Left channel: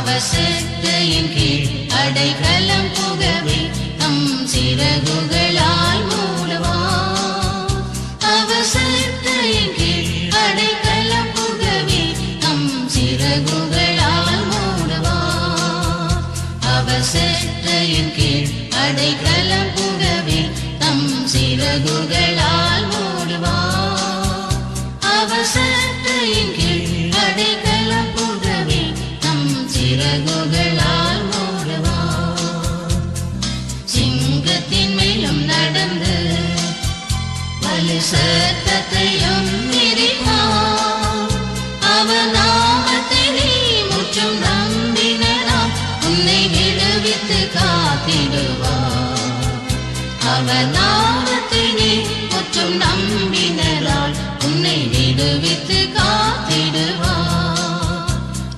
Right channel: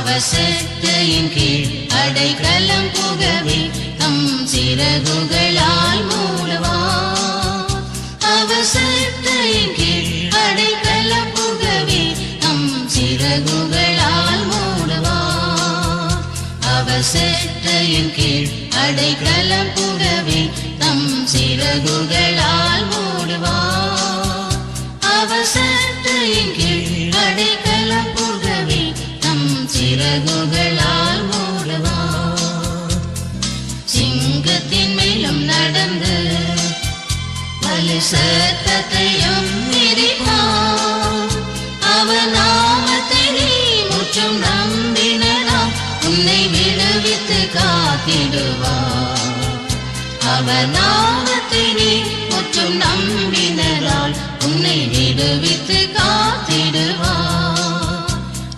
அவர் செட்டையின் கீழ் அடைக்கலம் புகவே தம் சிறகுகளால் மூடுவார். அவர் செட்டையின் கீழ் அடைக்கலம் புகவே தம் சிறகுகளால் மூடுவார். அவர் செட்டையின் கீழ் அடைக்கலம் புகவே தம் சிறகுகளால் மூடுவார். அவர் செட்டையின் கீழ் அடைக்கலம் புகவே தம் சிறகுகளால் மூடுவார். சிங்கத்தின் மேலும் நடந்து வலு சத்தத்தையும் மிதிப்பார். அவர் நாமத்திலே முற்றும் நம்பினார் உன்னை விடுவித்து காத்திடுவார். அவர் நாமத்திலே முற்றும் நம்பினார் உன்னை